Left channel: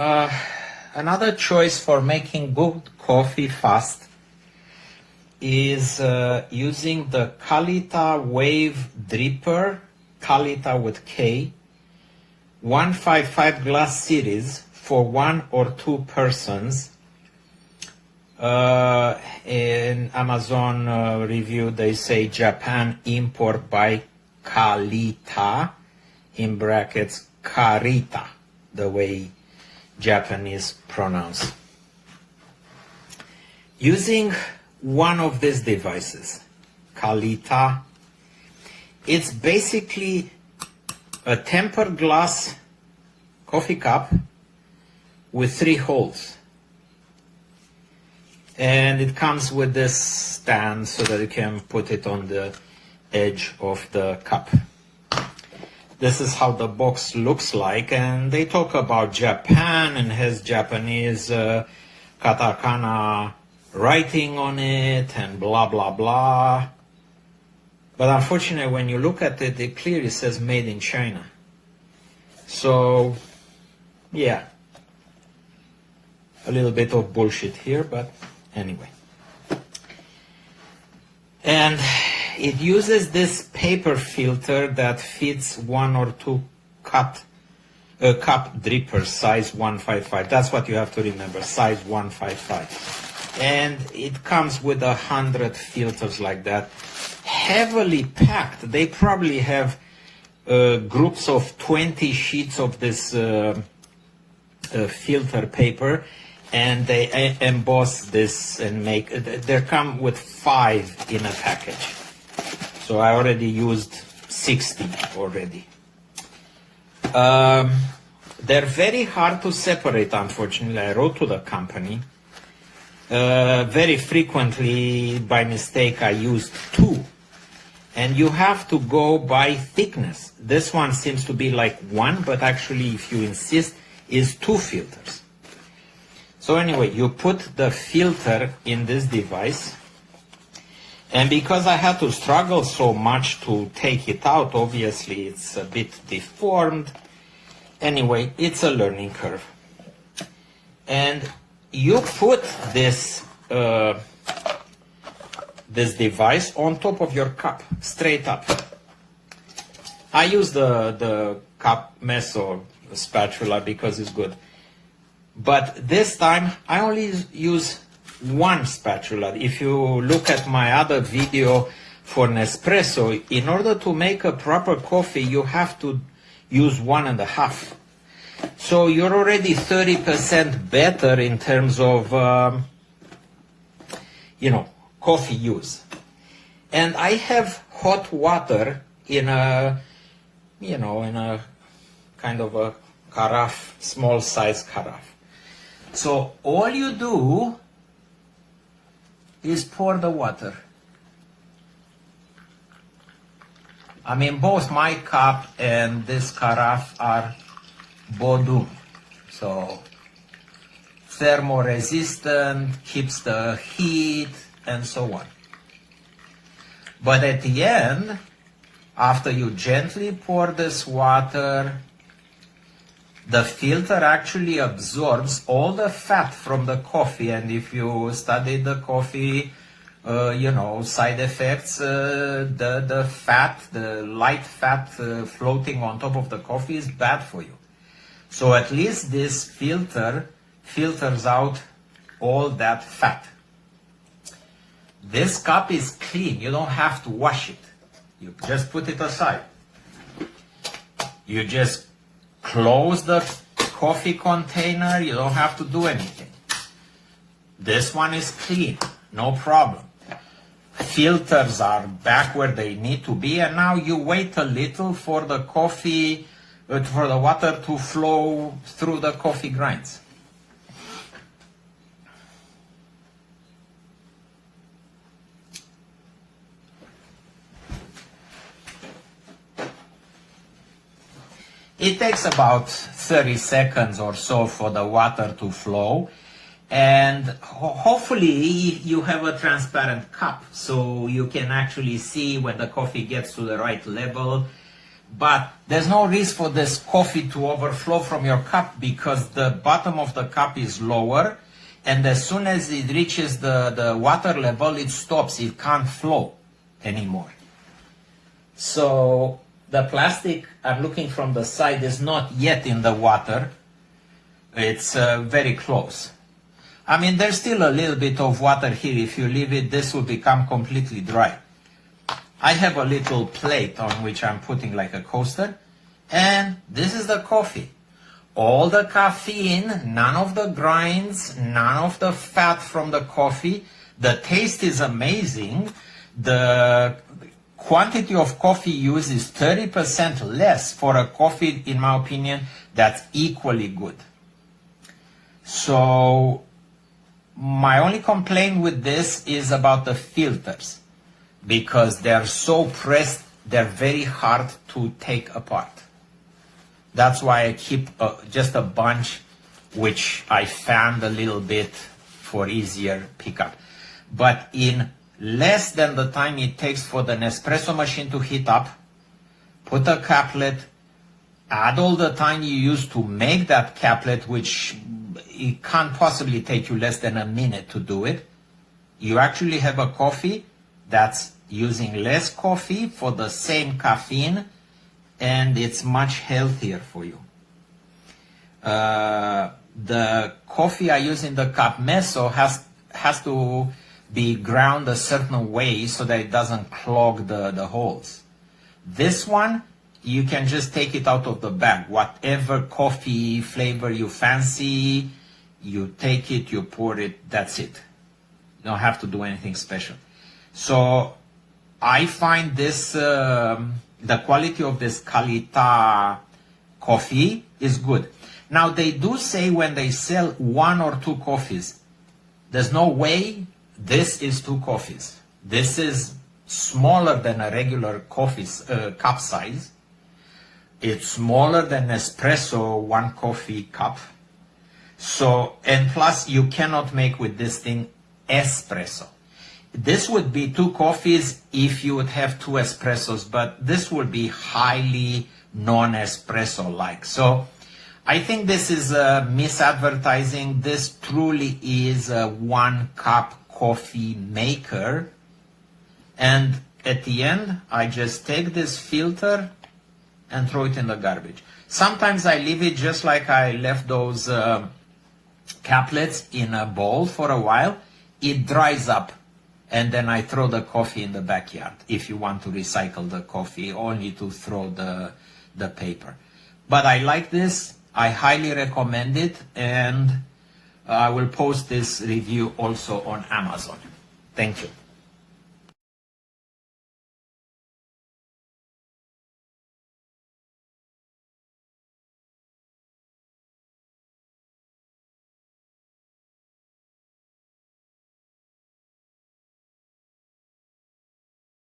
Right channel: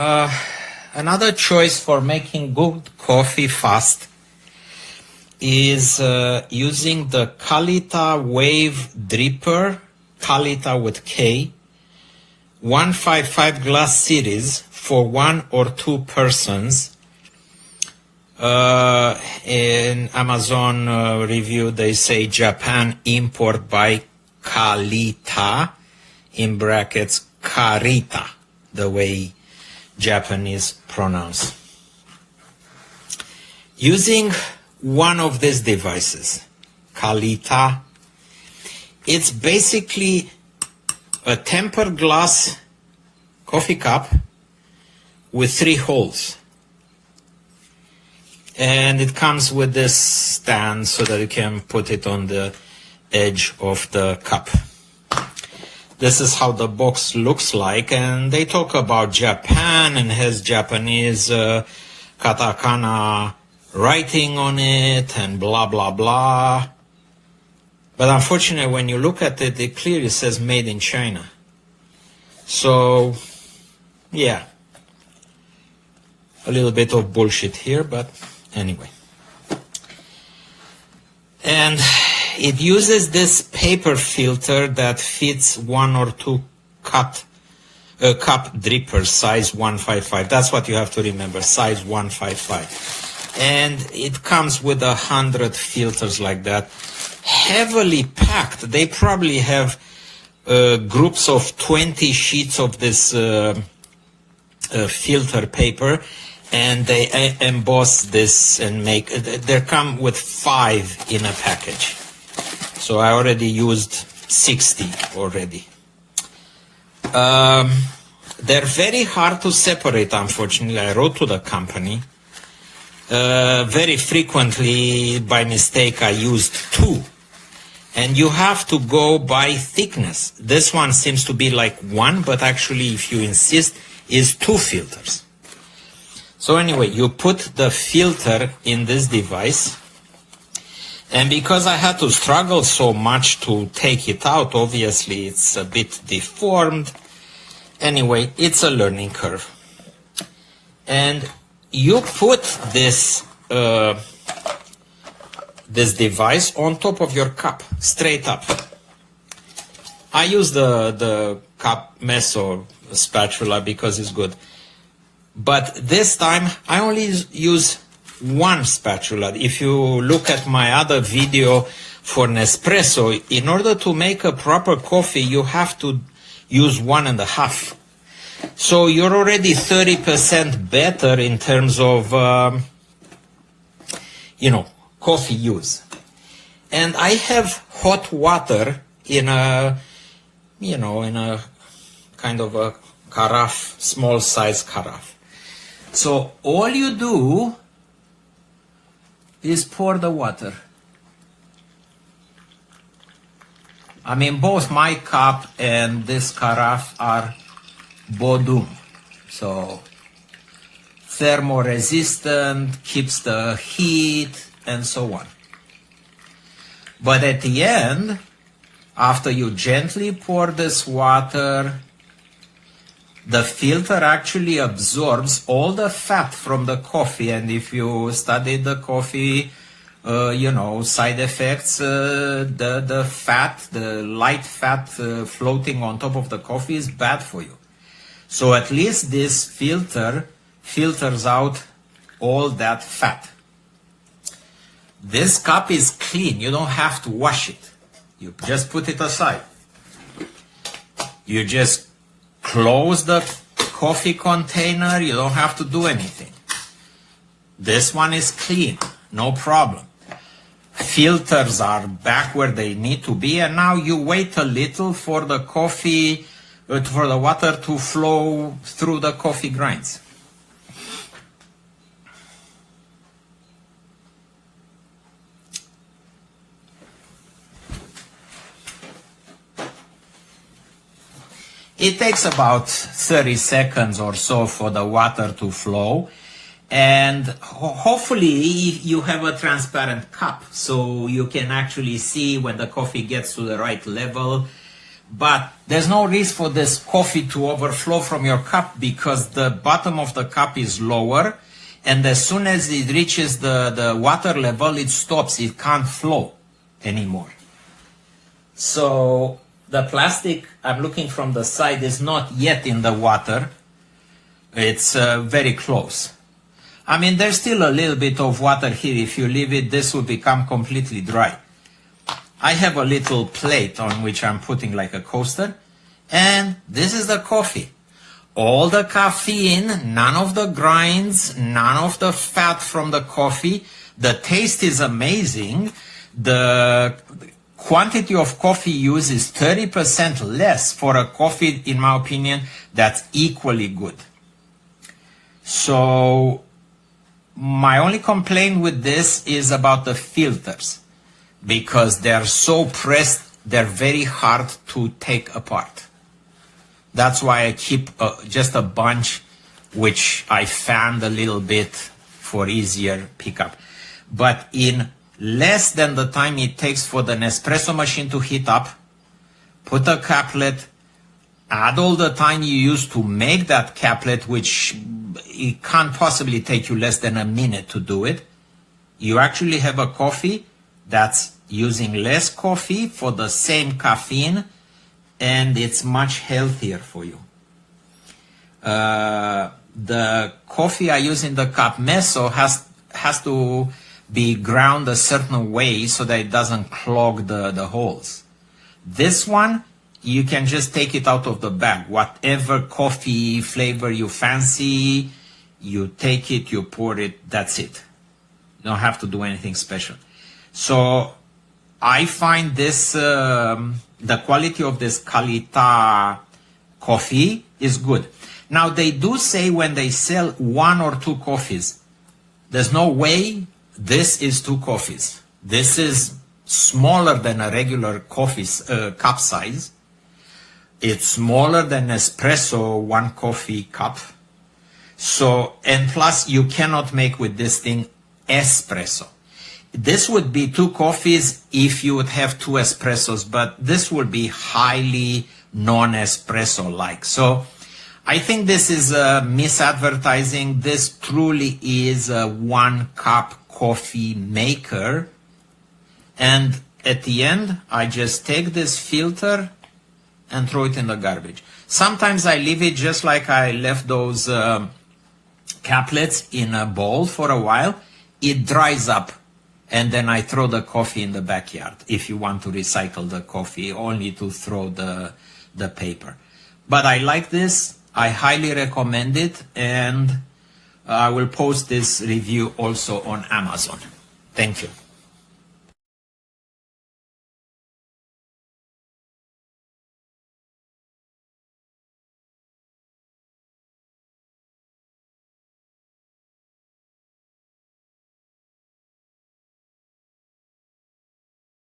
another choice for making good coffee fast is using the Kalita Wave Dripper, Kalita with K, 155 glass series for 1 or 2 persons. In Amazon review, they say Japan import by Kalita, in brackets Karita, the way Japanese pronounce. Using one of these devices, Kalita, it's basically a tempered glass coffee cup with 3 holes. And it comes with this stand so that you can put it on the edge of the cup. This is how the box looks like, and they talk about Japan and has Japanese katakana writing on it and blah blah blah. But unfortunately, when you look at it, it clearly says made in China. So yeah, a little bit of bullshit here, but anyway. And it uses this paper filter that fits 1 or 2 cup dripper, size 155. That's what you have to remember, size 155. And it comes with 100 filters like that, heavily packed. They probably have groups of 20 sheets of this filter paper, and they emboss this and make, they come with 5 in a package. So I already used 60 already. They're very hard to separate, unfortunately. I wrote to the company. Very frequently, by mistake, I used 2. And you have to go by thickness. This one seems to be like 1, but actually, if you insist, is 2 filters. So anyway, you put the filter in this device, and because I had to struggle so much to take it out, obviously it's a bit deformed. Anyway, it's a learning curve. And you put this this device on top of your cup, straight up. I use the cup meso spatula because it's good. But this time, I only use 1 spatula. If you look at my other video for Nespresso, in order to make a proper coffee, you have to use 1.5. So you're already 30% better in terms of, coffee use. And I have hot water in a, in a kind of a carafe, small size carafe. So all you do is pour the water. I mean, both my cup and this carafe are Bodum. So thermoresistant, keeps the heat, and so on. But at the end, after you gently pour this water, the filter actually absorbs all the fat from the coffee, and if you study the coffee, side effects, the fat, the light fat floating on top of the coffee is bad for you. So at least this filter filters out all that fat. This cup is clean. You don't have to wash it. You just put it aside. You just close the coffee container. You don't have to do anything. This one is clean. No problem. Filters are back where they need to be, and now you wait a little for the coffee, for the water to flow through the coffee grinds. It takes about 30 seconds or so for the water to flow, and hopefully you have a transparent cup so you can actually see when the coffee gets to the right level. But there's no risk for this coffee to overflow from your cup because the bottom of the cup is lower, and as soon as it reaches the water level, it stops. It can't flow anymore. So the plastic I'm looking from the side is not yet in the water. It's very close. I mean, there's still a little bit of water here. If you leave it, this will become completely dry. I have a little plate on which I'm putting like a coaster, and this is the coffee. All the caffeine, none of the grinds, none of the fat from the coffee. The taste is amazing. The quantity of coffee used is 30% less for a coffee, in my opinion, that's equally good. So my only complaint with this is about the filters, because they're so pressed, they're very hard to take apart. That's why I keep just a bunch, which I fanned a little bit for easier pickup. But in less than the time it takes for the Nespresso machine to heat up, put a caplet, add all the time you use to make that caplet, which it can't possibly take you less than a minute to do it. You actually have a coffee that's using less coffee for the same caffeine, and it's much healthier for you. The coffee I use in the cup meso has to be ground a certain way so that it doesn't clog the holes. This one, you can just take it out of the bag. Whatever coffee flavor you fancy, you take it, you pour it, that's it. You don't have to do anything special. So I find this, the quality of this Kalita coffee is good. Now they do say when they sell 1 or 2 coffees, there's no way this is 2 coffees. This is smaller than a regular coffee cup size. It's smaller than espresso 1 coffee cup. So, and plus you cannot make with this thing espresso. This would be 2 coffees if you would have 2 espressos, but this would be highly non-espresso like. So I think this is misadvertising. This truly is a 1 cup coffee maker. And at the end, I just take this filter and throw it in the garbage. Sometimes I leave it just like I left those caplets in a bowl for a while. It dries up, and then I throw the coffee in the backyard. If you want to recycle the coffee, only to throw the paper. But I like this. I highly recommend it, and I will post this review also on Amazon. Thank you.